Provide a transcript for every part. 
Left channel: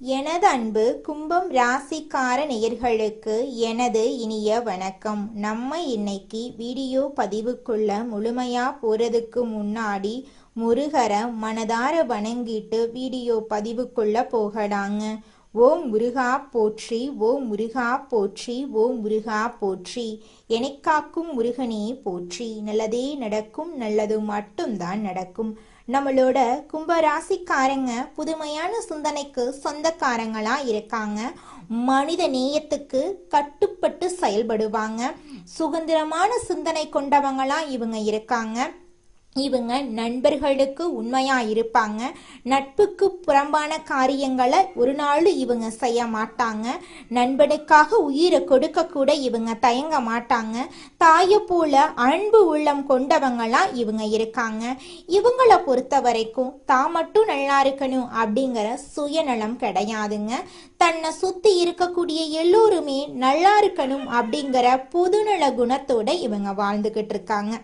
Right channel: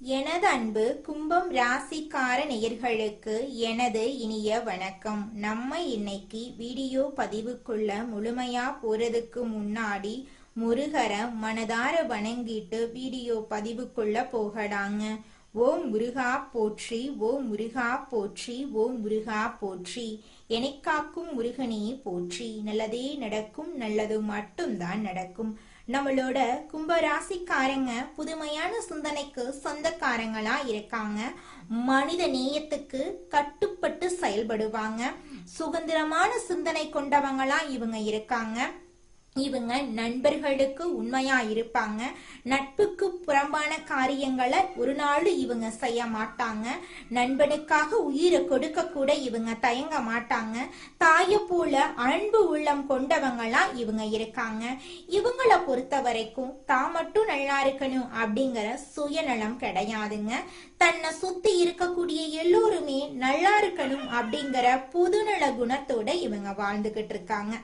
எனது அன்பு கும்பம் ராசிக்கார நேயர்களுக்கு எனது இனிய வணக்கம். நம்ம இன்னைக்கு வீடியோ பதிவுக்குள்ள முழுமையா போறதுக்கு முன்னாடி முருகரை மனதார வணங்கிட்டு வீடியோ பதிவுக்குள்ள போகலாங்க. ஓம் முருகா போற்றி, ஓம் முருகா போற்றி, ஓம் முருகா போற்றி. எனக்காக்கும் முருகனே போற்றி. நல்லதே நடக்கும், நல்லது மட்டும்தான் நடக்கும். நம்மளோட கும்பராசிக்காரங்க புதுமையான சிந்தனைக்கு சொந்தக்காரங்களா இருக்காங்க. மனித நேயத்துக்கு கட்டுப்பட்டு செயல்படுவாங்க. சுதந்திரமான சிந்தனை கொண்டவங்களா இவங்க இருக்காங்க. இவங்க நண்பர்களுக்கு உண்மையா இருப்பாங்க. நட்புக்கு புறம்பான காரியங்களை ஒரு நாள் இவங்க செய்ய மாட்டாங்க. நண்பனுக்காக உயிரை கொடுக்க கூட இவங்க தயங்க மாட்டாங்க. தாயை போல அன்பு உள்ளம் கொண்டவங்களா இவங்க இருக்காங்க. இவங்களை பொறுத்த வரைக்கும் தான் மட்டும் நல்லா இருக்கணும் அப்படிங்கிற சுயநலம் கிடையாதுங்க. தன்னை சுத்தி இருக்கக்கூடிய எல்லோருமே நல்லா இருக்கணும் அப்படிங்கிற பொதுநல குணத்தோட இவங்க வாழ்ந்துகிட்டு இருக்காங்க.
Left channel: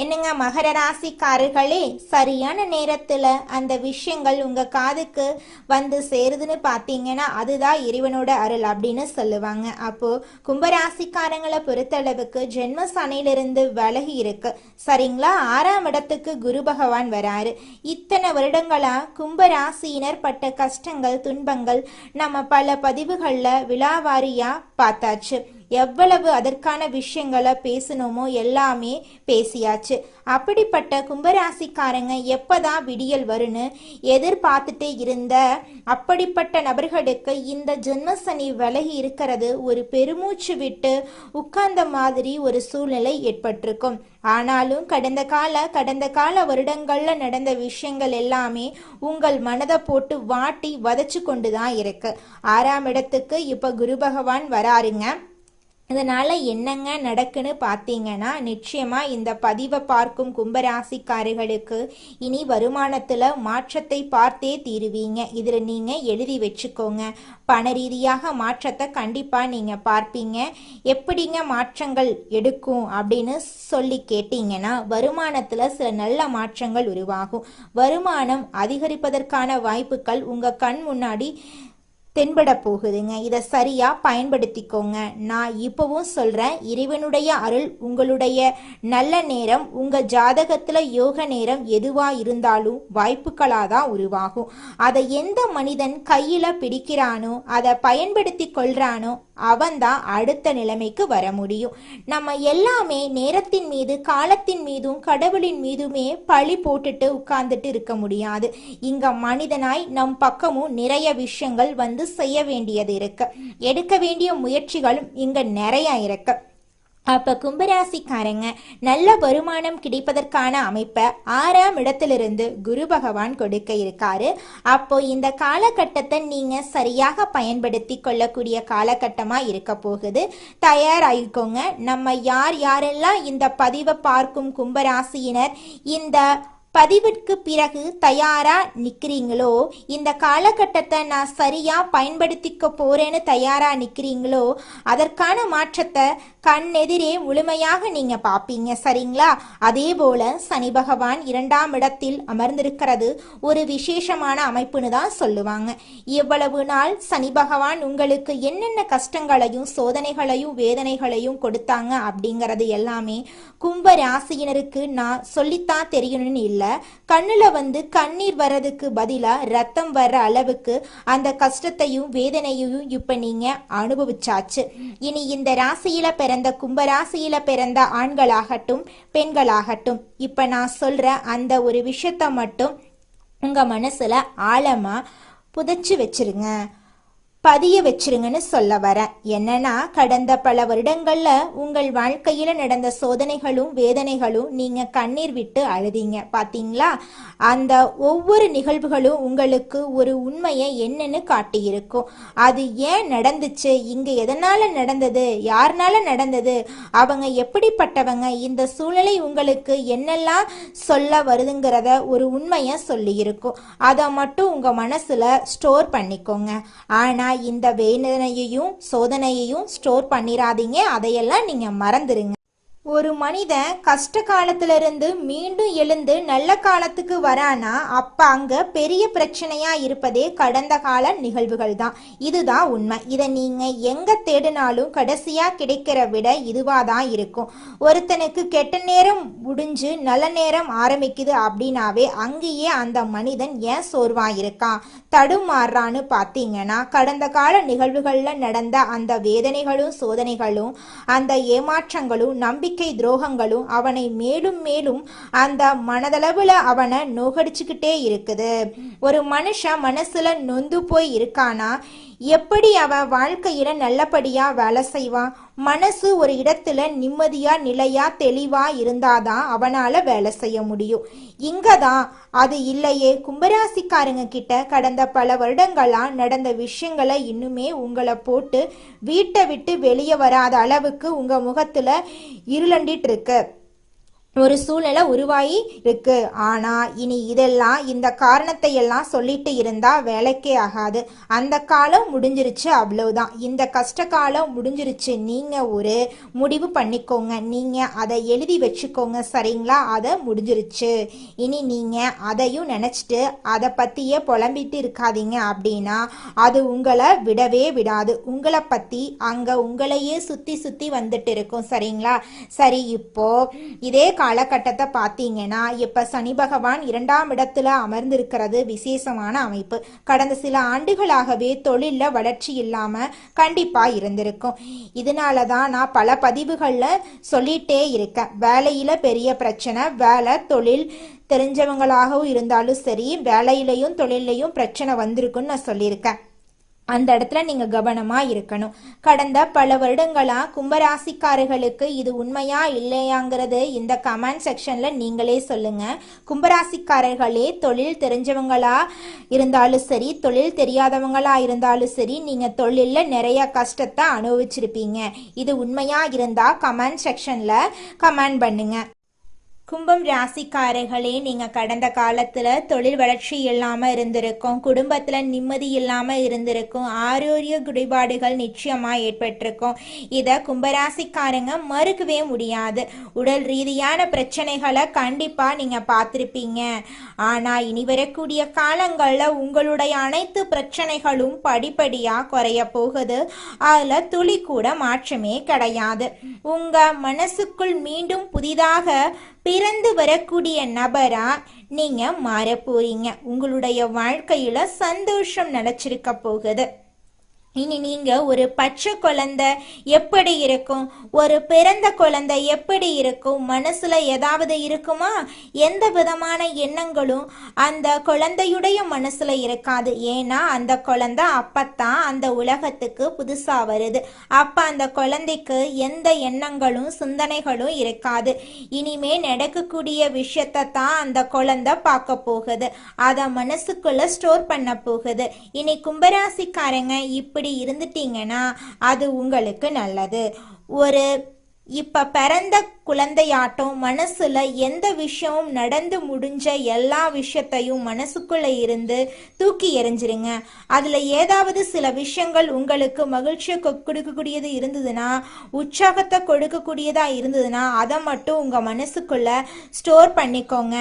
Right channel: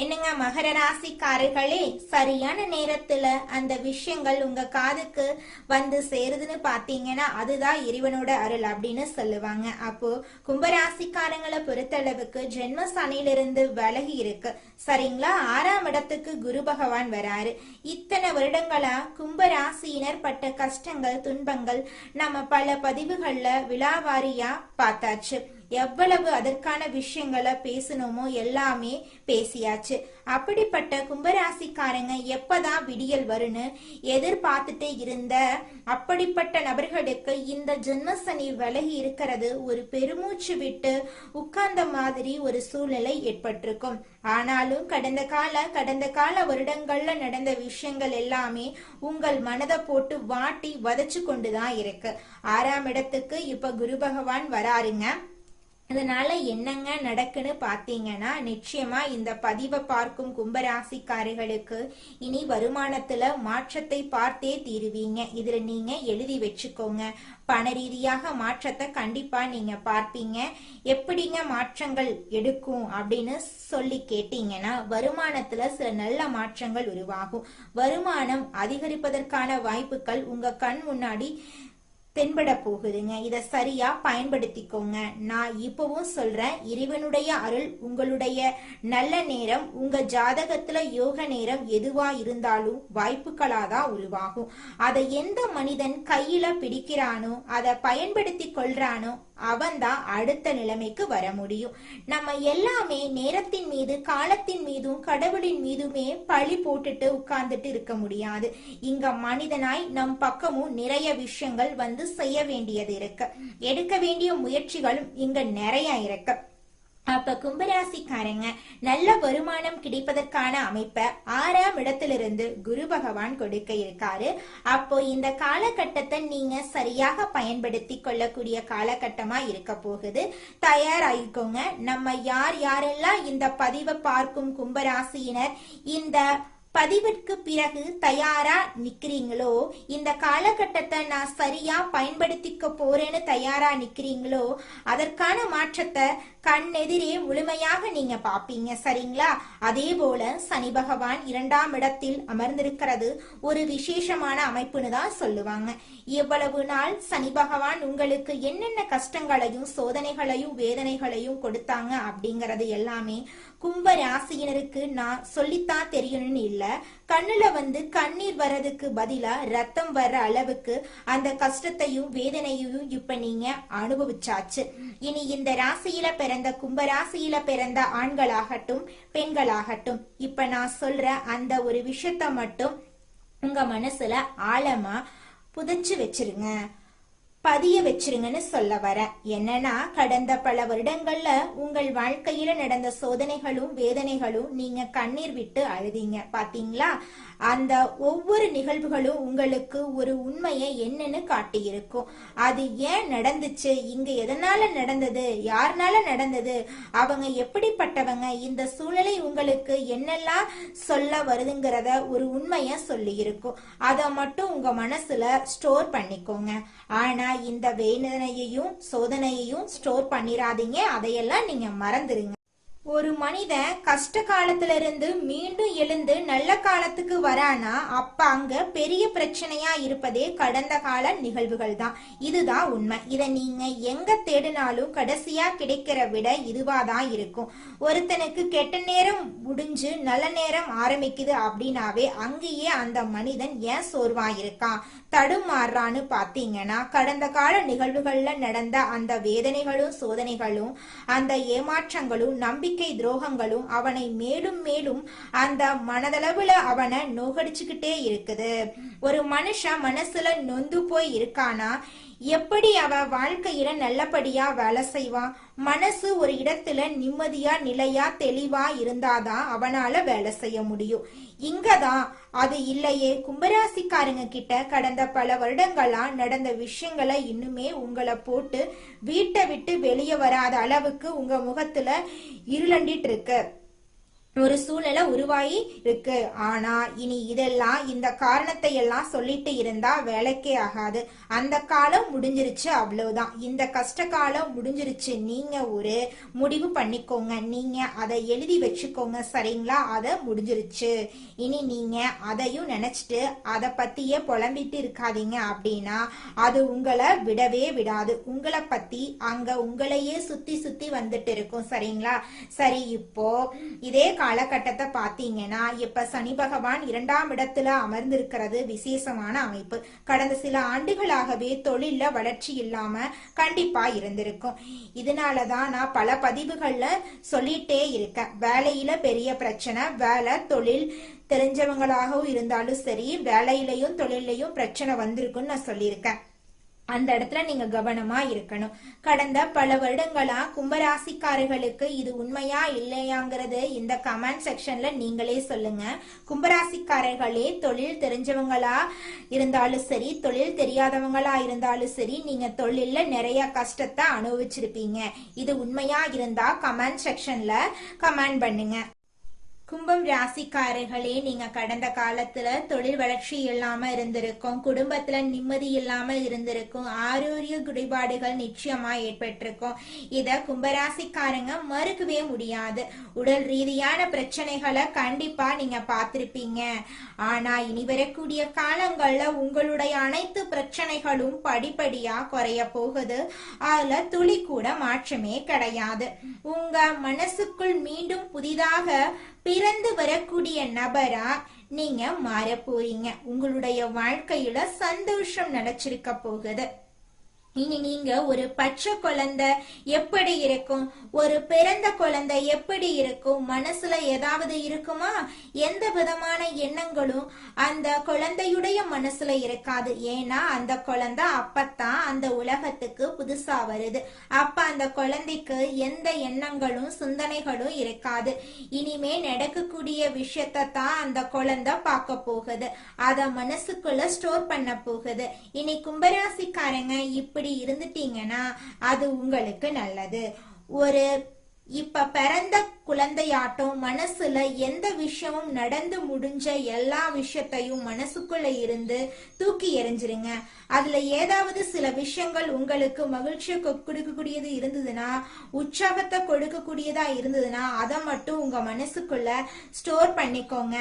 என்னங்க மகர ராசிக்காரர்களே, சரியான நேரத்துல அந்த விஷயங்கள் உங்க காதுக்கு வந்து சேருதுன்னு பாத்தீங்கன்னா அதுதான் இறைவனோட அருள் அப்படின்னு சொல்லுவாங்க. அப்போ கும்பராசிக்காரங்களை பொறுத்தளவுக்கு ஜென்ம சனியிலிருந்து விலகி இருக்கு சரிங்களா. 6ஆம் இடத்துக்கு குரு பகவான் வராரு. இத்தனை வருடங்களா கும்பராசியினர் பட்ட கஷ்டங்கள் துன்பங்கள் நம்ம பல பதிவுகள்ல விழாவாரியா பார்த்தாச்சு. எவ்வளவு அதற்கான விஷயங்களை பேசணுமோ எல்லாமே பேசியாச்சு. அப்படிப்பட்ட கும்பராசிக்காரங்க எப்பதான் விடியல் வருன்னு எதிர்பார்த்துட்டே இருந்த அப்படிப்பட்ட நபர்களுக்கு இந்த ஜென்மசனி விலகி இருக்கிறது ஒரு பெருமூச்சு விட்டு உட்கார்ந்த மாதிரி ஒரு சூழ்நிலை ஏற்பட்டிருக்கும். ஆனாலும் கடந்த கால வருடங்கள்ல நடந்த விஷயங்கள் எல்லாமே உங்கள் மனதை போட்டு வாட்டி வதச்சு கொண்டுதான் இருக்கு. 6ஆம் இடத்துக்கு இப்ப குரு பகவான் வராருங்க. இதனால என்னங்க நடக்குன்னு பார்த்தீங்கன்னா, நிச்சயமா இந்த பதிவை பார்க்கும் கும்பராசிக்காரர்களுக்கு இனி வருமானத்துல மாற்றத்தை பார்த்தே தீருவீங்க. இதுல நீங்க எழுதி வச்சுக்கோங்க. பண ரீதியாக மாற்றத்தை கண்டிப்பா நீங்க பார்ப்பீங்க. எப்படிங்க மாற்றங்கள் எடுக்கும் அப்படின்னு சொல்லி கேட்டீங்கன்னா, வருமானத்துல சில நல்ல மாற்றங்கள் உருவாகும். வருமானம் அதிகரிப்பதற்கான வாய்ப்புகள் உங்க கண் முன்னாடி தென்பட போகுதுங்க. இதை சரியா பயன்படுத்திக்கோங்க. நான் இப்பவும் சொல்றேன், இறைவனுடைய அருள் உங்களுடைய நல்ல நேரம் உங்க ஜாதகத்துல யோக நேரம் எதுவா இருந்தாலும் வாய்ப்புகளாதான் உருவாகும். அதை எந்த மனிதன் கையில பிடிக்கிறானோ அதை பயன்படுத்தி கொள்றானோ அவன்தான் அடுத்த நிலைமைக்கு வர முடியும். நம்ம எல்லாமே நேரத்தின் மீது காலத்தின் மீதும் கடவுளின் மீதுமே பழி போட்டுட்டு உட்கார்ந்துட்டு இருக்க முடியாது. இங்க மனிதனாய் நம் பக்கமும் நிறைய விஷயங்கள் வந்து செய்ய வேண்டியது இருக்கு. எடுக்க வேண்டிய முயற்சிகளும் இங்க நிறைய இருக்கு. அப்ப கும்பராசிக்காரங்க நல்ல வருமானம் கிடைப்பதற்கான அமைப்பை 6ஆம் இடத்திலிருந்து குரு பகவான் கொடுக்க இருக்காரு. அப்போ இந்த காலகட்டத்தை நீங்க சரியாக பயன்படுத்தி கொள்ளக்கூடிய காலகட்டமா இருக்க போகுது. தயாராயிக்கோங்க. நம்ம யாரெல்லாம் இந்த பதிவை பார்க்கும் கும்பராசியினர் இந்த பதிவிற்கு பிறகு தயாரா நிக்கிறீங்களோ, இந்த காலகட்டத்தை நான் சரியா பயன்படுத்திக்க போறேன்னு தயாரா நிக்கிறீங்களோ, அதற்கான மாற்றத்தை கண்ணெதிரே முழுமையாக நீங்க பாப்பீங்க சரிங்களா. அதே போல சனி பகவான் 2ஆம் இடத்தில் அமர்ந்திருக்கிறது ஒரு விசேஷமான அமைப்புன்னு தான் சொல்லுவாங்க. இவ்வளவு நாள் சனி பகவான் உங்களுக்கு என்னென்ன கஷ்டங்களையும் சோதனைகளையும் வேதனைகளையும் கொடுத்தாங்க அப்படிங்கறது எல்லாமே கும்ப ராசியினருக்கு நான் சொல்லித்தான் தெரியணும்னு இல்லை. கண்ணுல வந்து கண்ணீர் வர்றதுக்கு பதிலா ரத்தம் வர்ற அளவுக்கு அந்த கஷ்டத்தையும் வேதனையையும் இப்ப நீங்க அனுபவிச்சாச்சு. இனி இந்த ராசியில பிறந்த கும்பராசியில பிறந்த ஆண்களாகட்டும் பெண்களாகட்டும் இப்ப நான் சொல்ற அந்த ஒரு விஷயத்த மட்டும் உங்க மனசுல ஆழமா புதைச்சு வச்சிருங்க, பதிய வச்சிருங்கன்னு சொல்ல வர. என்னன்னா, கடந்த பல வருடங்கள்ல உங்கள் வாழ்க்கையில நடந்த சோதனைகளும் வேதனைகளும் நீங்க கண்ணீர் விட்டு அழுதீங்க பாத்தீங்களா. அந்த ஒவ்வொரு நிகழ்வுகளும் உங்களுக்கு ஒரு உண்மையை என்னன்னு காட்டியிருக்கும். அது ஏன் நடந்துச்சு, இங்க எதனால நடந்தது, யாருனால நடந்தது, அவங்க எப்படிப்பட்டவங்க, இந்த சூழ்நிலை உங்களுக்கு என்னெல்லாம் சொல்ல வருதுங்கிறத ஒரு உண்மையை சொல்லி இருக்கும். அதை மட்டும் உங்க மனசுல ஸ்டோர் பண்ணிக்கோங்க. ஆனா இந்த வேதனையையும் சோதனையையும் ஸ்டோர் பண்ணிராதீங்க. அதையெல்லாம் நீங்க மறந்துருங்க. ஒரு மனிதன் கஷ்ட காலத்துல இருந்து மீண்டும் எழுந்து நல்ல காலத்துக்கு வரானா அப்ப அங்க பெரிய பிரச்சனையா இருப்பதே கடந்த கால நிகழ்வுகள் தான். இதுதான் உண்மை. இதை நீங்க எங்க தேடினாலும் கடைசியா கிடைக்கிற விட இதுவா தான் இருக்கும். ஒருத்தனுக்கு கெட்ட நேரம் முடிஞ்சு நல்ல நேரம் ஆரம்பிக்குது அப்படின்னாவே அங்கேயே அந்த மனிதன் ஏன் சோர்வா இருக்கான், தடுமாறுறான்னு பாத்தீங்கன்னா கடந்த கால நிகழ்வுகள்ல நடந்த அந்த வேதனைகளும் சோதனைகளும் அந்த ஏமாற்றங்களும் நம்பிக்கை துரோகங்களும் அவனை மேலும் மேலும் அந்த மனதளவுல அவனை நோகடிச்சுக்கிட்டே இருக்குது. ஒரு மனுஷன் மனசுல நொந்து போய் இருக்கானா எப்படி அவ வாழ்க்கையில நல்லபடியா வேலை செய்வான்? மனசு ஒரு இடத்துல நிம்மதியா நிலையா தெளிவா இருந்தாதான் அவனால வேலை செய்ய முடியும். இங்கதான் அது இல்லையே. கும்பராசிக்காரங்க கிட்ட கடந்த பல வருடங்களா நடந்த விஷயங்களை இன்னுமே உங்களை போட்டு வீட்டை விட்டு வெளியே வராத அளவுக்கு உங்க முகத்துல இருளண்டிட்டு இருக்கு. ஒரு சூழ்நிலை உருவாகி இருக்கு. ஆனா இனி இதெல்லாம் இந்த காரணத்தை எல்லாம் சொல்லிட்டு இருந்தா வேலைக்கே ஆகாது. அந்த காலம் முடிஞ்சிருச்சு, அவ்வளவுதான். இந்த கஷ்ட காலம் முடிஞ்சிருச்சு. நீங்க ஒரு முடிவு பண்ணிக்கோங்க, நீங்க அதை எழுதி வச்சுக்கோங்க, சரிங்களா? அதை முடிஞ்சிருச்சு. இனி நீங்க அதையும் நினைச்சிட்டு அதை பத்தியே புலம்பிட்டு இருக்காதீங்க. அப்படின்னா அது உங்களை விடவே விடாது. உங்களை பத்தி அங்க உங்களையே சுத்தி சுத்தி வந்துட்டு இருக்கும், சரிங்களா? சரி, இப்போ இதே காலகட்டத்தை பார்த்தீங்கன்னா இப்ப சனி பகவான் 2ஆம் இடத்துல அமர்ந்திருக்கிறது விசேஷமான அமைப்பு. கடந்த சில ஆண்டுகளாகவே தொழில்ல வளர்ச்சி இல்லாம கண்டிப்பா இருந்திருக்கும். இதனாலதான் நான் பல பதிவுகள்ல சொல்லிட்டே இருக்கேன், வேலையில பெரிய பிரச்சனை, வேலை தொழில் தெரிஞ்சவங்களாகவும் இருந்தாலும் சரி வேலையிலையும் தொழிலையும் பிரச்சனை வந்திருக்குன்னு நான் சொல்லியிருக்கேன். அந்த இடத்துல நீங்க கவனமா இருக்கணும். கடந்த பல வருடங்களா கும்பராசிக்காரர்களுக்கு இது உண்மையா இல்லையாங்கிறது இந்த கமெண்ட் செக்ஷன்ல நீங்களே சொல்லுங்க. கும்பராசிக்காரர்களே, தொழில் தெரிஞ்சவங்களா இருந்தாலும் சரி தொழில் தெரியாதவங்களா இருந்தாலும் சரி நீங்க தொழில்ல நிறைய கஷ்டத்தை அனுபவிச்சிருப்பீங்க. இது உண்மையா இருந்தா கமெண்ட் செக்ஷன்ல கமெண்ட் பண்ணுங்க. கும்பம் ராசிக்காரர்களே, நீங்க கடந்த காலத்துல தொழில் வளர்ச்சி இல்லாம இருந்திருக்கும், குடும்பத்துல நிம்மதி இல்லாம இருந்திருக்கும், ஆரோக்கிய குறைபாடுகள் நிச்சயமா ஏற்பட்டிருக்கும். இத கும்பராசிக்காரங்க மறுக்கவே முடியாது. உடல் ரீதியான பிரச்சனைகளை கண்டிப்பா நீங்க பார்த்திருப்பீங்க. ஆனா இனி வரக்கூடிய காலங்கள்ல உங்களுடைய அனைத்து பிரச்சனைகளும் படிப்படியா குறைய போகுது. அதுல துளி கூட மாற்றமே கிடையாது. உங்க மனசுக்குள் மீண்டும் புதிதாக பிறந்து வரக்கூடிய நபரா நீங்க மாற போறீங்க. உங்களுடைய வாழ்க்கையில சந்தோஷம் நிலைச்சிருக்க போகுது. இனி நீங்க ஒரு பச்சை குழந்தை எப்படி இருக்கும், ஒரு பிறந்த குழந்தை எப்படி இருக்கும், மனசுல ஏதாவது இருக்குமா? எந்த விதமான எண்ணங்களும் அந்த குழந்தையுடைய மனசுல இருக்காது. ஏன்னா அந்த குழந்தை அப்பத்தான் அந்த உலகத்துக்கு புதுசா வருது. அப்ப அந்த குழந்தைக்கு எந்த எண்ணங்களும் சிந்தனைகளும் இருக்காது. இனிமே நடக்கக்கூடிய விஷயத்தை தான் அந்த குழந்தை பார்க்க போகுது, அத மனசுக்குள்ள ஸ்டோர் பண்ண போகுது. இனி கும்பராசிக்காரங்க இப்படி இருந்துட்டீங்கன்னா அது உங்களுக்கு நல்லது. ஒரு இப்ப பிறந்த குழந்தையாட்டம் மனசுல எந்த விஷயமும் நடந்து முடிஞ்ச எல்லா விஷயத்தையும் மனசுக்குள்ள இருந்து தூக்கி எறிஞ்சிருங்க. அதுல ஏதாவது சில விஷயங்கள் உங்களுக்கு மகிழ்ச்சியை கொடுக்கக்கூடியது இருந்ததுன்னா, உற்சாகத்தை கொடுக்கக்கூடியதா இருந்ததுன்னா அதை மட்டும் உங்க மனசுக்குள்ள ஸ்டோர் பண்ணிக்கோங்க.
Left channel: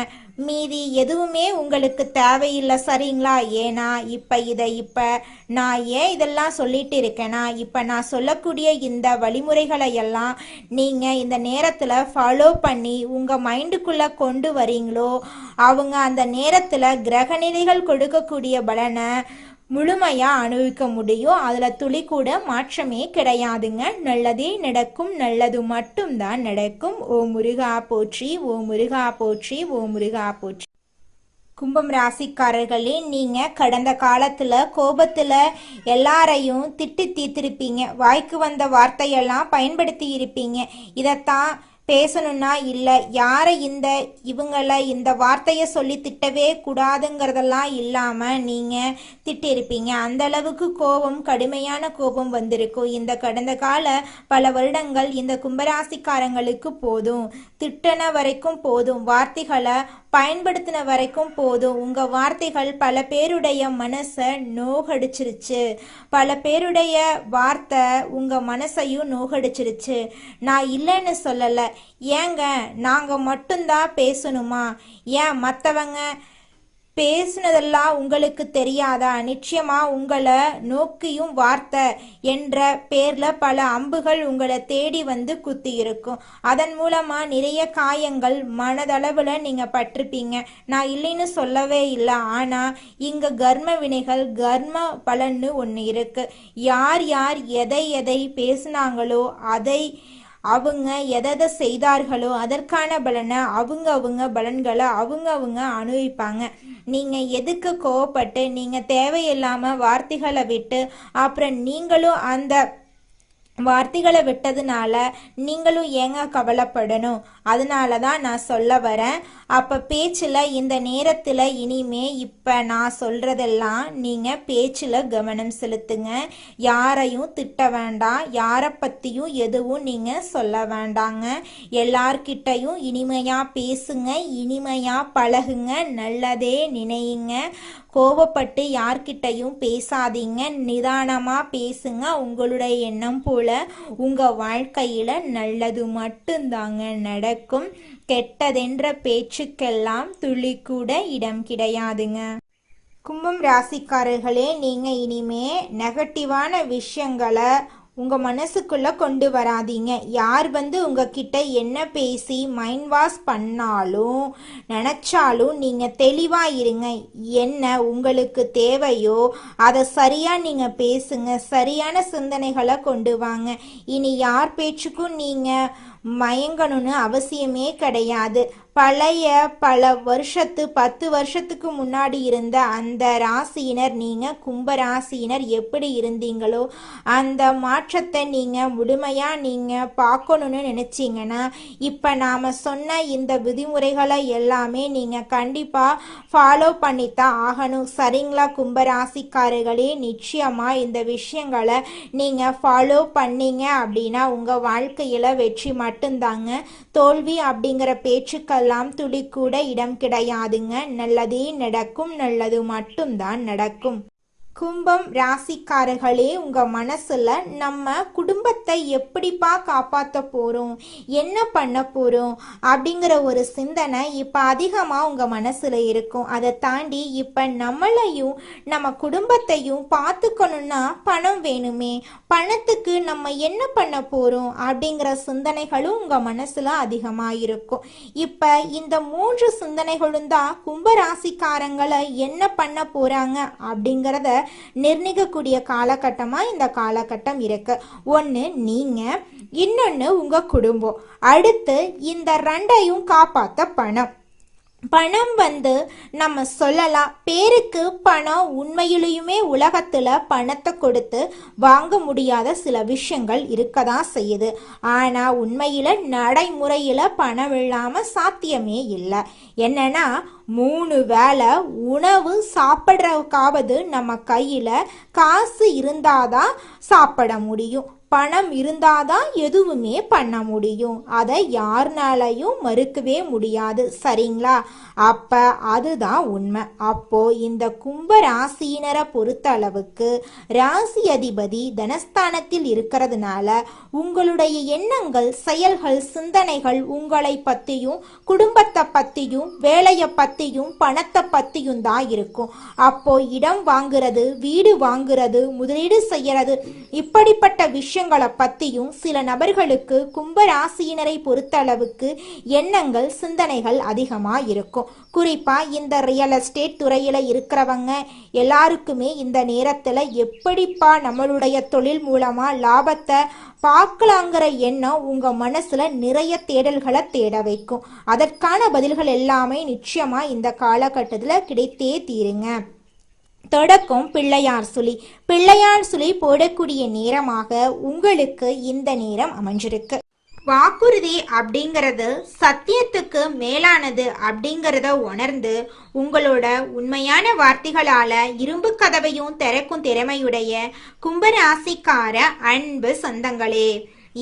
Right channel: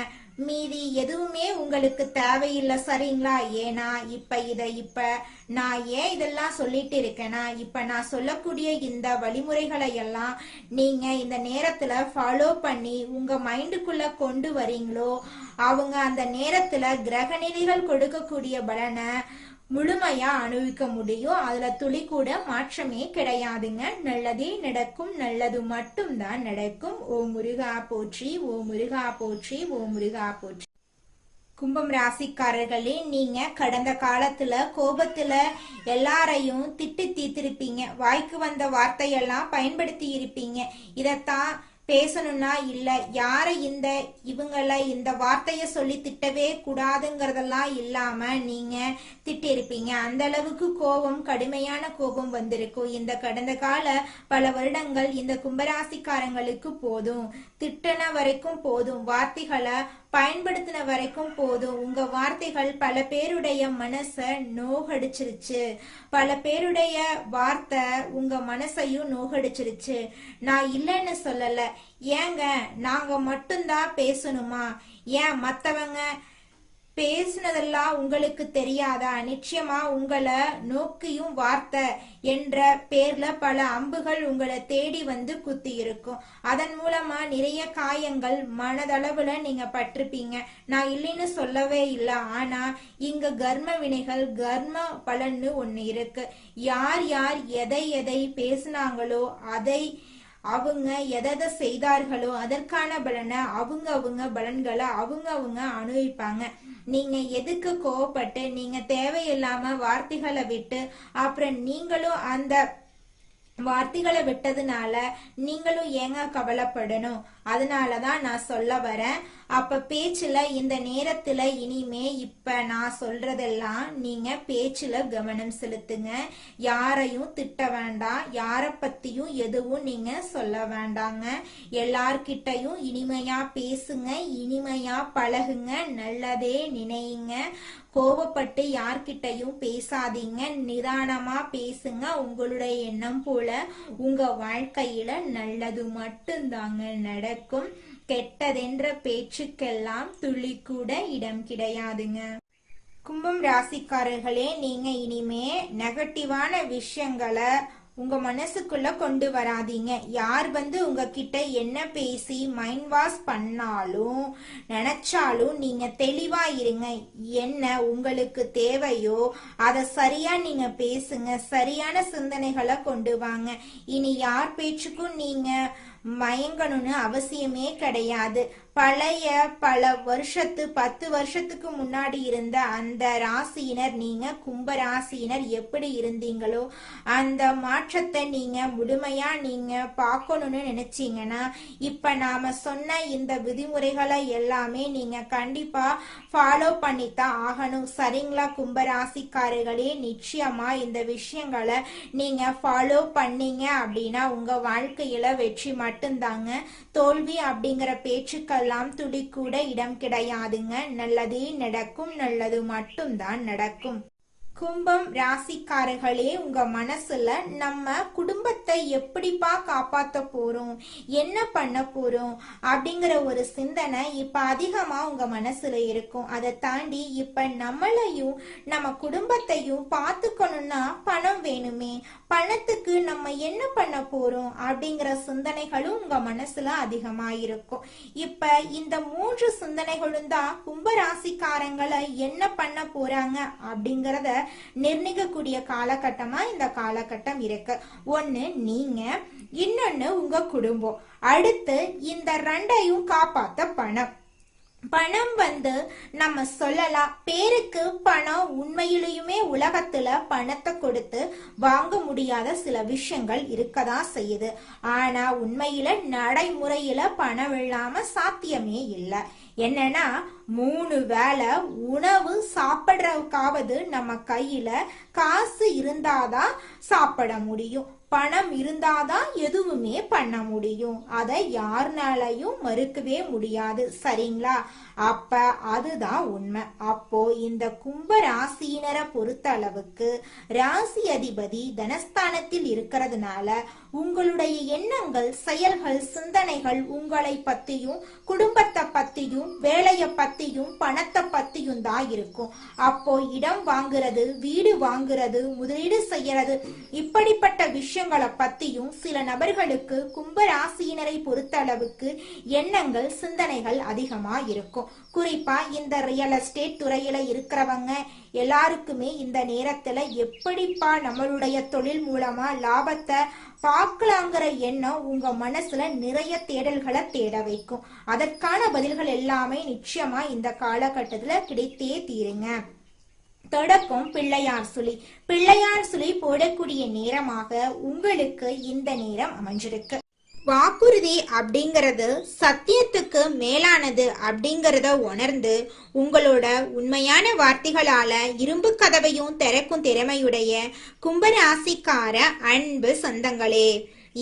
மீதி எதுவுமே உங்களுக்கு தேவையில்லை, சரிங்களா? ஏன்னா இப்ப நான் ஏன் இதெல்லாம் சொல்லிட்டு இருக்கேன்னா, இப்ப நான் சொல்லக்கூடிய இந்த வழிமுறைகளை எல்லாம் நீங்க இந்த நேரத்துல ஃபாலோ பண்ணி உங்க மைண்டுக்குள்ள கொண்டு வரீங்களோ அவங்க அந்த நேரத்துல கிரகநிலைகள் கொடுக்கக்கூடிய பலனை முழுமையா அனுபவிக்க முடியும். அதுல துளி கூட மாற்றமே கிடையாதுங்க. நல்லதே நடக்கும், நல்லது மட்டும்தான் நடக்கும். ஓ முருகா போற்றி, ஓ முருகா போற்றி, ஓ முருகா போற்றி. கும்பம் ராசிக்காரர்களே, நீங்க கடந்த காலத்துல கோபத்துல எல்லாரையும் திட்டி தீர்த்திருப்பீங்க. வாய்க்கு வந்த வார்த்தையெல்லாம் பயன்படுத்தி இருப்பீங்க. இதத்தான் பேசணும்னா இல்லை, யாரை இவங்களை இந்த வார்த்தையை சொல்லி திட்டவே கூடாதுங்கிறதெல்லாம் இல்லாமல் நீங்கள் திட்டிருப்பீங்க. அந்த அளவுக்கு கோபம், கடுமையான கோபம் வந்திருக்கும். இந்த கடந்த கால பல வருடங்கள் இந்த கும்பராசிக்காரங்களுக்கு போதும், திட்டன வரைக்கும் போதும். வார்த்தைகளை பயன்படுத்தின வரைக்கும் போதும். உங்க வார்த்தைகள் பல பேருடைய மனசை நோகடிச்சிருச்சு. பல பேருடைய வார்த்தை உங்க மனசையும் நோகடிச்சிருச்சு. நான் இல்லைன்னு சொல்லல. ஏங்க நாங்க மட்டும்தான் பேசணுமா? ஏன் மற்றவங்க பேசுனதெல்லாம் உங்களுக்கு தெரியாதா? நிச்சயமா உங்களை நோக்கியும் வார்த்தை என்ற பேர்ல பல அம்புகள் உங்களை தேடி வந்து குத்தி இருக்கும். அதன் மூலமா நிறைய காயங்கள் மனதளவுல நீங்க பட்டிருப்பீங்க. நான் இல்லைன்னு சொல்லவே இல்லை. ஆனா இங்க கர்ம வினைகள், கர்ம பலன்னு ஒண்ணு இருக்கு. யார் யார் எதை எதை பேசினாங்களோ, அதை அவங்க எதை செய்தார்களோ அதற்கான பலனை அவங்க பலன்களை அவங்க அனுபவிப்பாங்க. நீங்க எதுக்கு கோவப்பட்டு நீங்க தேவையில்லாம வார்த்தைகளை விட்டு அப்புறம் நீங்களும் அந்த வார்த்தைகளை விட்டதுனால நீங்களும் ஏங்க கவலைப்படணும்? அதனாலதான் நான் சொல்ல வரேன். அப்ப பேச்சுல இந்த நேரத்துல இனிமே இப்ப நான் சொல்றதெல்லாம் நீங்க பேச்சுல கவனம் செலுத்துங்க. யாரையும் திட்ட வேண்டாம், யார பத்தியும் எதுவும் நீங்க சொல்ல வேண்டாங்க. எல்லார்கிட்டையும் இனிமையா பேசுங்க, இனிமையா பழகுங்க, நல்லதே நினையுங்க. கோபப்பட்டு யார்கிட்டையும் பேசாதீங்க, நிதானமா பேசுங்க. உங்களுடைய எண்ணம் போல உங்க வாழ்க்கையில நல்லது மட்டும்தாங்க நடக்கும். கெட்டதென்ற பேச்சுக்கெல்லாம் துளி கூட இடம் கிடையாதுங்க. கும்பம் ராசிக்காரர்களே, நீங்க இனிமே நெகட்டிவான விஷயங்களை உங்க மனசுக்குள்ள கொண்டு வராதீங்க. யார் வந்து உங்ககிட்ட என்ன பேசி மைண்ட் வாஷ் பண்ணாலும் நினைச்சாலும் நீங்க தெளிவா இருங்க. என்ன உங்களுக்கு தேவையோ அதை சரியா நீங்க பேசுங்க. சரியான சிந்தனைகளை கொண்டு வாங்க. இனி யார் பேச்சுக்கும் நீங்க மயங்கணும்னு அவசியமே கிடையாது. பழைய பல 10 வருஷத்துக்கு முன்னாடி இருந்த அந்த ராசியினர், நீங்க கும்ப ராசியினர் எப்படி இருந்தீங்களோ அந்த மாற்றத்தை நீங்க முழுமையா நீங்க பார்க்கணும்னு நினைச்சீங்கன்னா இப்ப நாம சொன்ன இந்த விதிமுறைகளை எல்லாமே நீங்க கண்டிப்பா ஃபாலோ பண்ணித்தான் ஆகணும். சரிங்களா கும்பராசிக்காரர்களே? நிச்சயமா இந்த விஷயங்களை நீங்க ஃபாலோ பண்ணீங்க அப்படின்னா உங்க வாழ்க்கையில வெற்றி மட்டும்தாங்க. தோல்வி அப்படிங்கிற பேச்சுக்கள் துளி கூட இடம் கிடையாதுங்க. நல்லதே நடக்கும், நல்லது மட்டும்தான் நடக்கும். கும்பம் ராசிக்காரர்களே, உங்க மனசுல நம்ம குடும்பத்தை எப்படிப்பா காப்பாற்ற போறோம், என்ன பண்ண போறோம் அப்படிங்கிற ஒரு சிந்தனை இப்ப அதிகமா உங்க மனசுல இருக்கும். அதை தாண்டி இப்ப நம்மளையும் நம்ம குடும்பத்தையும் பார்த்துக்கணும்னா பணம் வேணுமே, பணத்துக்கு நம்ம என்ன பண்ண போறோம் அப்படிங்கிற சிந்தனைகளும் உங்க மனசுல அதிகமா இருக்கும். இப்ப இந்த 3 சிந்தனைகளும் தான் கும்பராசிக்காரங்களை என்ன பண்ண போறாங்க அப்படிங்கிறத நிர்ணயிக்கக்கூடிய காலகட்டமா இந்த காலகட்டம் இருக்கு. ஒண்ணு நீங்க, இன்னொன்னு உங்க குடும்பம். அடுத்து இந்த 2ஐயும் காப்பாத்த பணம். பணம் வந்து நம்ம சொல்லலாம் பேருக்கு பணம், உண்மையிலுமே உலகத்துல பணத்தை கொடுத்து வாங்க முடியாத சில விஷயங்கள் இருக்கதான் செய்யுது. ஆனா உண்மையில நடைமுறையில பணம் இல்லாம சாத்தியமே இல்லை. என்னன்னா 3 வேளை உணவு சாப்பிட்றதுக்காவது நம்ம கையில காசு இருந்தாதான் சாப்பிட முடியும். பணம் இருந்தாதான் எதுவுமே பண்ண முடியும். அதை யாருனாலையும் மறுக்கவே முடியாது. சரிங்களா? அப்ப அதுதான் உண்மை. அப்போ இந்த கும்ப ராசியினரை பொறுத்த அளவுக்கு ராசி அதிபதி தனஸ்தானத்தில் இருக்கிறதுனால உங்களுடைய எண்ணங்கள், செயல்கள், சிந்தனைகள் உங்களை பத்தியும் குடும்பத்தை பத்தியும் வேலையை பத்தியும் பணத்தை பத்தியும் தான் இருக்கும். அப்போ இடம் வாங்குறது, வீடு வாங்குறது, முதலீடு செய்யறது, இப்படிப்பட்ட விஷயங்களை பத்தியும் சில நபர்களுக்கு கும்ப ராசியினரை பொறுத்த அளவுக்கு எண்ணங்கள், சிந்தனைகள் அதிகமா இருக்கும். குறிப்பா இந்த ரியல் எஸ்டேட் துறையில இருக்கிறவங்க எல்லாருக்குமே இந்த நேரத்துல எப்படிப்பா நம்மளுடைய தொழில் மூலமா லாபத்தை பார்க்கலாங்கிற எண்ணம் உங்க மனசுல நிறைய தேடல்களை தேட வைக்கும். அதற்கான பதில்கள் எல்லாமே நிச்சயமா இந்த காலகட்டத்துல கிடைத்தே தீருங்க. தொடக்கம் பிள்ளையார் சுழி. பிள்ளையார் சுழி போடக்கூடிய நேரமாக உங்களுக்கு இந்த நேரம் அமைஞ்சிருக்கு. வாக்குறுதி அப்படிங்கிறது சத்தியத்துக்கு மேலானது அப்படிங்கிறத உணர்ந்து உங்களோட உண்மையான வார்த்தைகளால இரும்பு கதவையும் திறக்கும் திறமையுடைய கும்பராசிக்கார அன்பு சொந்தங்களே,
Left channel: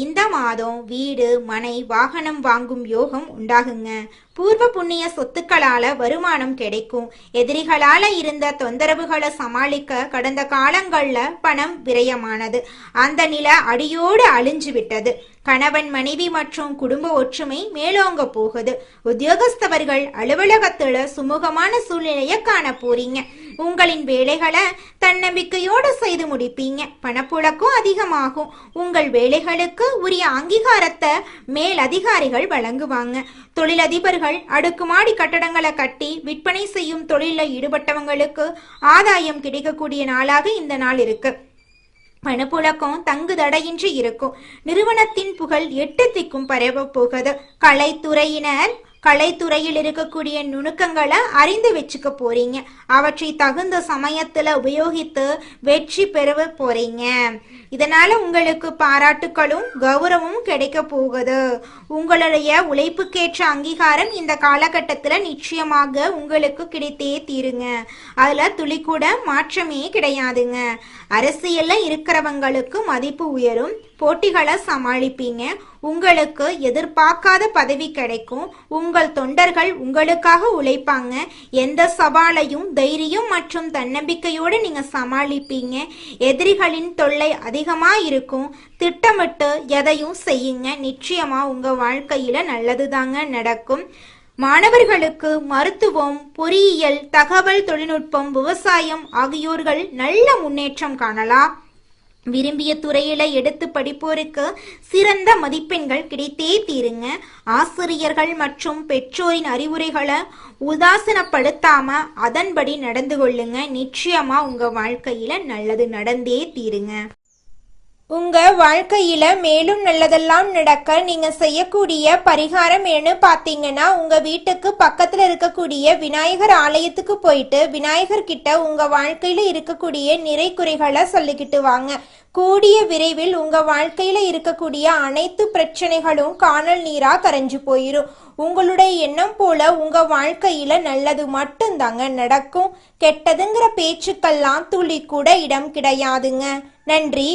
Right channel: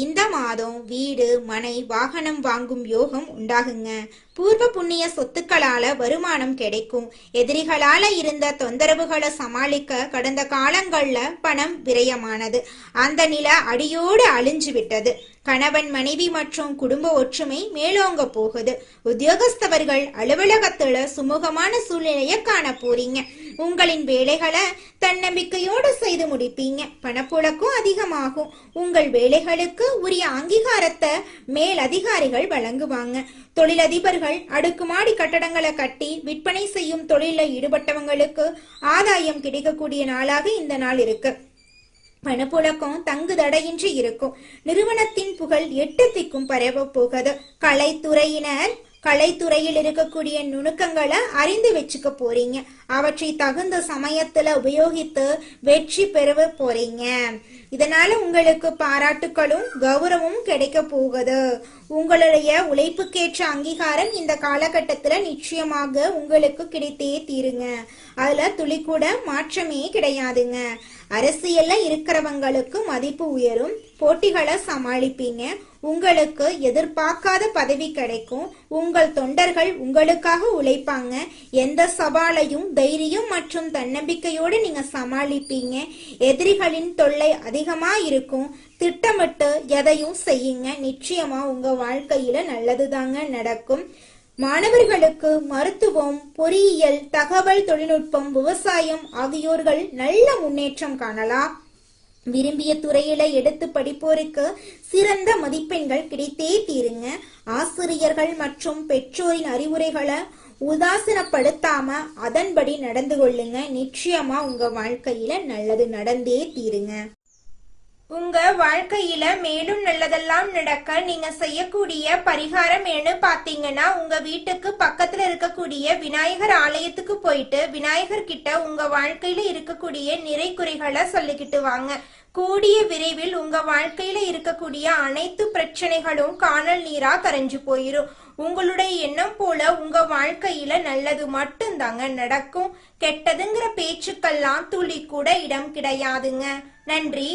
இந்த மாதம் வீடு, மனை, வாகனம் வாங்கும் யோகம் உண்டாகுங்க. பூர்வ புண்ணிய சொத்துக்களால வருமானம் கிடைக்கும். எதிரிகளால இருந்த தொந்தரவுகளை சமாளிக்க கடந்த காலங்கள்ல பணம் விரயமானது. அந்த நிலை அடியோடு அழிஞ்சு விட்டது. கணவன், மனைவி மற்றும் குடும்ப ஒற்றுமை மேலோங்க போகுது. உத்தியோகஸ்தவர்கள் அலுவலகத்துல சுமூகமான சூழ்நிலையை காண போறீங்க. உங்களின் வேலைகளை தன்னம்பிக்கையோடு செய்து முடிப்பீங்க. பணப்புழக்கம் அதிகமாகும். உங்கள் வேலைகளுக்கு உரிய அங்கீகாரத்தை மேல் அதிகாரிகள் வழங்குவாங்க. தொழிலதிபர்கள் அடுக்குமாடி கட்டடங்களை கட்டி விற்பனை செய்யும் தொழிலில் ஈடுபட்டவங்களுக்கு ஆதாயம் கிடைக்கக்கூடிய நாளாக இந்த நாள் இருக்கு. பணப்புழக்கம் தங்கு தடையின்றி இருக்கும். நிறுவனத்தின் புகழ் 8 திக்கும் பரவ போகுது. கலைத்துறையில் இருக்கக்கூடிய நுணுக்கங்களை அறிந்து வச்சுக்க போறீங்க. அவற்றை தகுந்த சமயத்துல உபயோகித்து வெற்றி பெற போறீங்க. இதனால உங்களுக்கு பாராட்டுகளும் கௌரவமும் கிடைக்க போகுது. உங்களுடைய உழைப்புக்கேற்ற அங்கீகாரம் இந்த காலகட்டத்துல நிச்சயமாக உங்களுக்கு கிடைத்தே தீருங்க. அதுல துளி கூட மாற்றமே கிடையாதுங்க. அரசியல்ல இருக்கிறவங்களுக்கு மதிப்பு உயரும். போட்டிகளை சமாளிப்பீங்க. உங்களுக்கு எதிர்பார்க்காத பதவி கிடைக்கும். உங்கள் தொண்டர்கள் உங்களுக்காக உழைப்பாங்க. எந்த சவாலையும் தைரியம் மற்றும் தன்னம்பிக்கையோடு நீங்க சமாளிப்பீங்க. எதிரிகளின் தொல்லை அதிகமா இருக்கும். திட்டமிட்டு எதையும் செய்யுங்க. நிச்சயமா உங்க வாழ்க்கையில நல்லதுதாங்க நடக்கும். மாணவர்களுக்கு மருத்துவம், பொறியியல், தகவல் தொழில்நுட்பம், விவசாயம் ஆகியோர்கள் நல்ல முன்னேற்றம் காணலாம். விரும்பிய துறையில எடுத்து படிப்போருக்கு சிறந்த மதிப்பெண்கள் கிடைத்தே தீருங்க. ஆசிரியர்கள் மற்றும் பெற்றோரின் அறிவுரைகளை உதாசீனப்படுத்தாம அதன்படி நடந்து கொள்ளுங்க. நிச்சயமா உங்க வாழ்க்கையில நல்லது நடந்தே தீருங்க. உங்க வாழ்க்கையில மேலும் நல்லதெல்லாம் நடக்க நீங்க செய்யக்கூடிய பரிகாரம் என்ன பாத்தீங்கன்னா, உங்க வீட்டுக்கு பக்கத்துல இருக்கக்கூடிய விநாயகர் ஆலயத்துக்கு போயிட்டு விநாயகர் கிட்ட உங்க வாழ்க்கையில இருக்கக்கூடிய நிறை குறைகளை சொல்லிக்கிட்டு வாங்க. கூடிய விரைவில் உங்க வாழ்க்கையில இருக்கக்கூடிய அனைத்து பிரச்சனைகளும் காணல் நீரா கரைஞ்சு போயிரும். உங்களுடைய எண்ணம் போல உங்க வாழ்க்கையில நல்லது மட்டும்தாங்க நடக்கும். கெட்டதுங்கிற பேச்சுக்கெல்லாம் துளி கூட இடம் கிடையாதுங்க. நன்றி.